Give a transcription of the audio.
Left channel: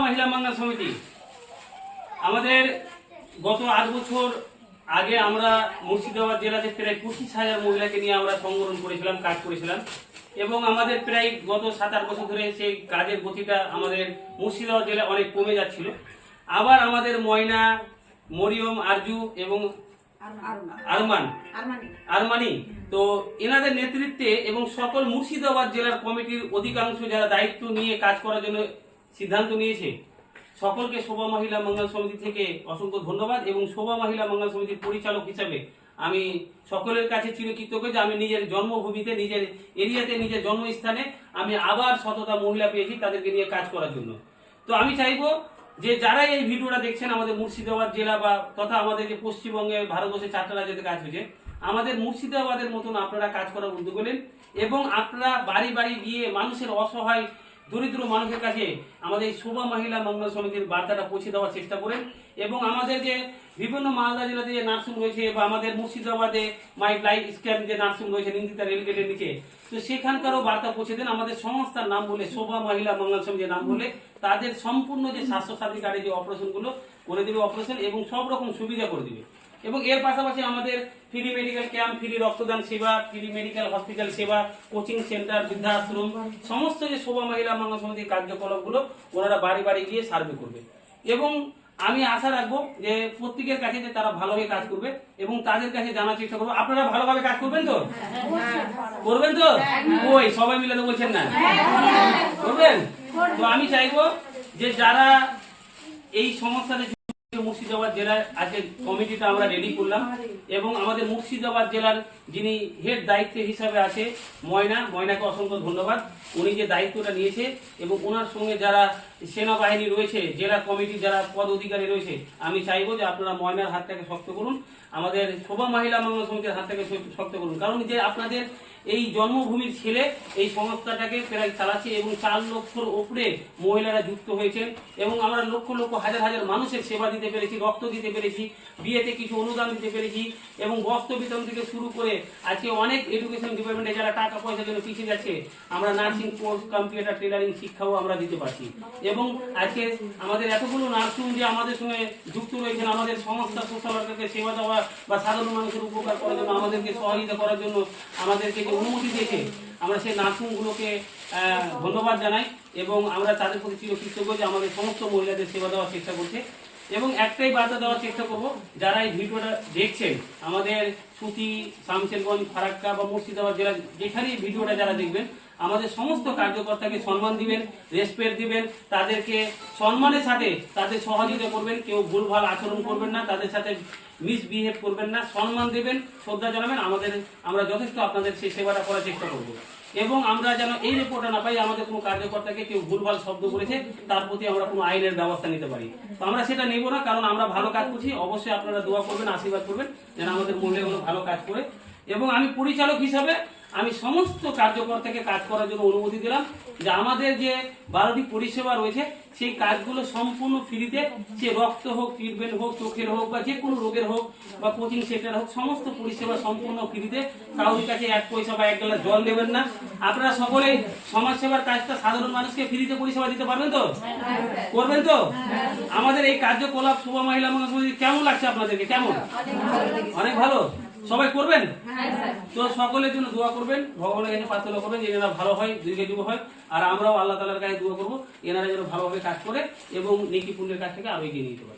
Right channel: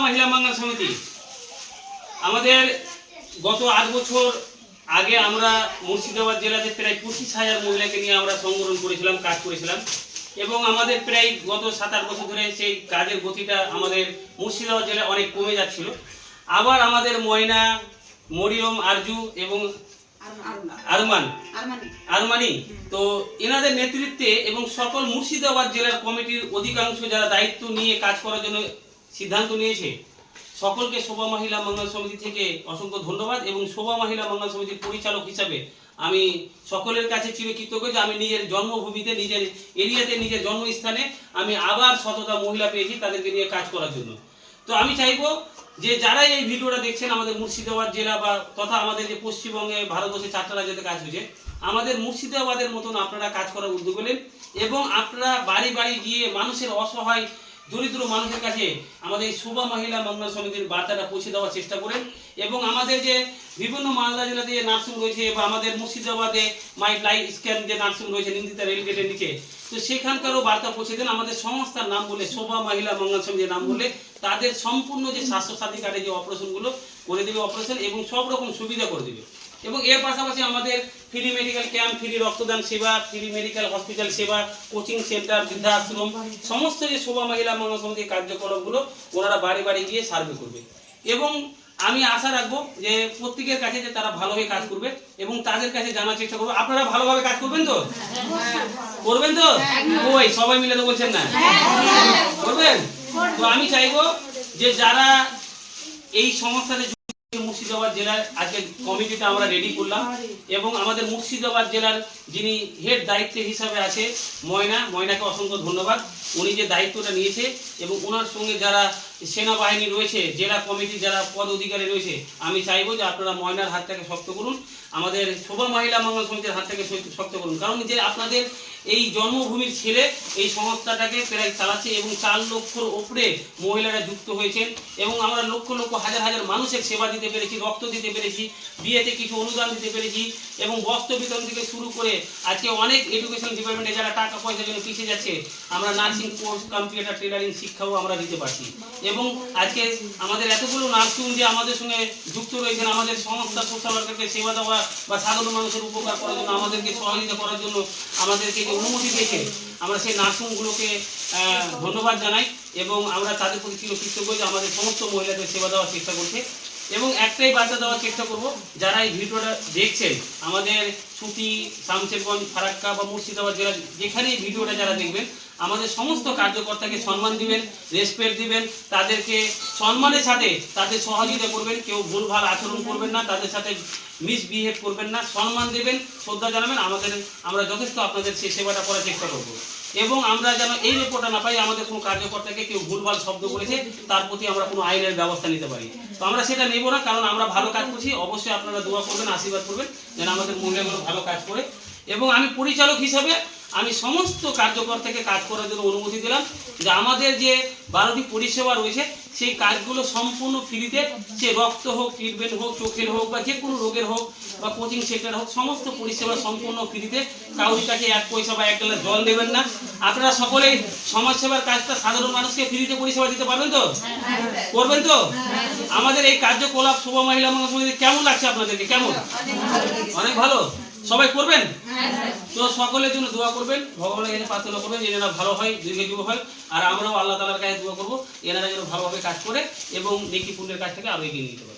महिला मंगल समिति আমাদের গত 8 বছর আগে আমরা মুর্শিদাবাদ জেলাতে প্রায় 25,000 মহিলাকে নিয়ে আমরা সংগঠন করেছিলাম, কাজ করেছিলাম এবং আমাদের প্রায় গত 7-8 বছর ধরে সেই কাজের গতিটা আমাদের মুর্শিদাবাদ জেলায় অনেক কমে যাচ্ছিল। আবার আমাদের ময়না, মরিয়ম, আরজু এবং আরমানি তো এনাদের নেতৃত্বে এবং সকল মুর্শিদাবাদ জেলার কমিটির অধিকাংশ যারা দায়িত্ব নিয়ে কাজ করার জন্য সিদ্ধান্ত নিয়েছে সকলকে শোভা মহিলা মঙ্গল সমিতি থেকে অসংখ্য ধন্যবাদ। এবং শোভা মহিলা মঙ্গল সমিতির পরিচালক হিসাবে আমি সকলের কাছে চিরকৃতজ্ঞ যে আমি নিজের জন্মভূমিতে, নিজের এরিয়াতে, নিজের জন্মস্থানে আমি আবার শতটা মহিলা পেয়েছি তাদেরকে নিয়ে কাজ করার জন্য। তো আমি চাইবো যে যারা এই ভিডিওটা দেখছেন আমাদের মুর্শিদাবাদ জেলা বা তথা আমাদের যে পশ্চিমবঙ্গে ভারতবর্ষে 4টা রাজ্যতে কাজ হয়েছে, আমাদের মুর্শিদাবাদের মতন আপনারা কাজ করার উদ্যোগ নেন এবং আপনারা বাড়ি বাড়ি গিয়ে মানুষের অসহায় দরিদ্র মানুষের কাছে আমাদের শোভা মহিলা মঙ্গল সমিতির বার্তাটা পৌঁছে দেওয়ার চেষ্টা করেন। এবং আমাদের যে বিভিন্ন মালদা জেলাতে যে নার্সিং রয়েছে বা আমাদের মুর্শিদাবাদে মাই লাইফ স্ক্যান যে নার্সিং রয়েছে নিন্দিতা রেলগেটের নিচে, তো সেখানকারও বার্তা পৌঁছে দেন। আমাদের সংস্থার নাম বলে শোভা মহিলা মঙ্গল সমিতির নাম বলে তাদের সম্পূর্ণ যে স্বাস্থ্যসাথী কার্ডে যে অপারেশনগুলো করে দেবে অপারেশন এবং সব রকম সুবিধা করে দেবে। এবং এর পাশাপাশি আমাদের ফ্রি মেডিকেল ক্যাম্প, ফ্রি রক্তদান সেবা, ফ্রি মেডিকেল হসপিটাল সেবা, কোচিং সেন্টার, বৃদ্ধাশ্রম, সমস্ত যে শোভা মহিলা মঙ্গল সমিতির কার্যকলাপগুলো ওনারা বাড়ি বাড়ি গিয়ে সার্ভে করবে। এবং আমি আশা রাখবো যে প্রত্যেকের কাছে যে তারা ভালোভাবে কাজ করবে এবং তাদের কাছে জানার চেষ্টা করবো আপনারা ভালোভাবে কাজ করবেন তো? করবেন তো? ওই সবাই মিলে তো বলছেন না করবেন? তো আমি চাইবো যে যারা এই সংস্থাতে মুর্শিদাবাদ জেলার আজকে কমিটিটা আমরা রেডি করলাম এবং আমাদের মুর্শিদাবাদ জেলার যিনি হেড দায়িত্ব হিসাবে আছে ময়নাকে অসংখ্য ধন্যবাদ। উনি যে দায়িত্বটা নিয়েছে এবং ওনার সঙ্গে যারা সেনাবাহিনী রয়েছে, জেলা কমিটির যারা পদ অধিকারী রয়েছে, আমি চাইবো যে আপনারা ময়নার হাতটাকে শক্ত করুন, আমাদের শোভা মহিলা মঙ্গল সমিতির হাতটাকে শক্ত করুন। কারণ যে আপনাদের এই জন্মভূমির ছেলে এই সংস্থাটাকে প্রায় চালাচ্ছে এবং 4 লক্ষর ওপরে মহিলারা যুক্ত হয়েছেন এবং আমরা লক্ষ লক্ষ হাজার হাজার মানুষের সেবা দিতে পেরেছি, রক্ত দিতে পেরেছি, বিয়েতে কিছু অনুদান দিতে পেরেছি এবং বস্ত্র বিতরণ থেকে শুরু করে আজকে অনেক এডুকেশন ডিপার্টমেন্টে যারা টাকা পয়সার জন্য পিছিয়ে যাচ্ছে আমরা নার্সিং কোর্স, কম্পিউটার ট্রেনারিং শিক্ষাও আমরা দিতে পারছি। এবং আজকে আমাদের এতগুলো নার্সিং যে আমাদের সঙ্গে যুক্ত রয়েছেন, আমাদের সংস্থা সোশ্যাল ওয়ার্কারকে সেবা দেওয়া বা সাধারণ মানুষের উপকার করার জন্য, আমাদেরকে সহযোগিতা করার জন্য আমাদেরকে যে অনুমতি দিয়েছে, আমরা সেই নার্সিংগুলোকে ধন্যবাদ জানাই এবং আমরা তাদের প্রতি চিরকৃতজ্ঞ যে আমাদের সমস্ত মহিলাদের সেবা দেওয়ার চেষ্টা করছে। এবং একটাই বার্তা দেওয়ার চেষ্টা করব, যারা এই ভিডিওটা দেখছেন আমাদের সুতি, শামশেরগঞ্জ, ফারাক্কা বা মুর্শিদাবাদ জেলা যেখানে এই ভিডিওটা যারা দেখবেন, আমাদের সমস্ত কার্যকর্তাকে সম্মান দিবেন, রেসপেক্ট দিবেন, তাদেরকে সম্মানের সাথে তাদের সহযোগিতা করবেন, কেউ ভুলভাল আচরণ করবেন না, তাদের সাথে মিসবিহেভ করবেন না, সম্মান দেবেন, শ্রদ্ধা জানাবেন। আমরা যথেষ্ট আপনাদের সেই সেবাটা করার চেষ্টা করব এবং আমরা যেন এই রিপোর্টটা না পাই আমাদের কোনো কার্যকর্তাকে কেউ ভুলভাল শব্দ বলেছে তার প্রতি আমরা কোনো আইনের ব্যবস্থা নিতে পারি। তো আমরা সেটা নেব না, কারণ আমরা ভালো কাজ করছি। অবশ্যই আপনারা দোয়া করবেন, আশীর্বাদ করবেন যেন আমাদের মহিলাগুলো ভালো কাজ করে। এবং আমি পরিচালক হিসাবে আমি সমস্ত কার্যকর্তাকে কাজ করার জন্য অনুমতি দিলাম যে আমাদের যে 12টি পরিষেবা রয়েছে সেই কাজগুলো সম্পূর্ণ ফ্রিতে, সে রক্ত হোক, ট্রিটমেন্ট হোক, চোখের হোক বা যে কোনো রোগের হোক বা কোচিং সেন্টার হোক, সমস্ত পরিষেবা সম্পূর্ণ ফ্রিতে। কাউরি কাছে 1 পয়সা বা 1 গ্লাস জল দেবেন না। আপনারা সকলেই সমাজসেবার কাজটা সাধারণ মানুষকে ফ্রিতে পরিষেবা দিতে পারবেন তো? করবেন তো? আমাদের এই কার্যকলাপ শোভা মহিলা মঙ্গল সমিতি কেমন লাগছে আপনাদেরকে? কেমন? অনেক ভালো। সবাই করবেন তো? সকলের জন্য দোয়া করবেন, ভগবানের কাছে প্রার্থনা করবেন যে এনারা ভালো হয়, দীর্ঘজীবী হয়, আর আমরাও আল্লাহ তাআলার কাছে দোয়া করবো এনারা যেন ভালোভাবে কাজ করে এবং নেকি পুণ্যের কাজ থেকে আরো এগিয়ে নিতে পারে।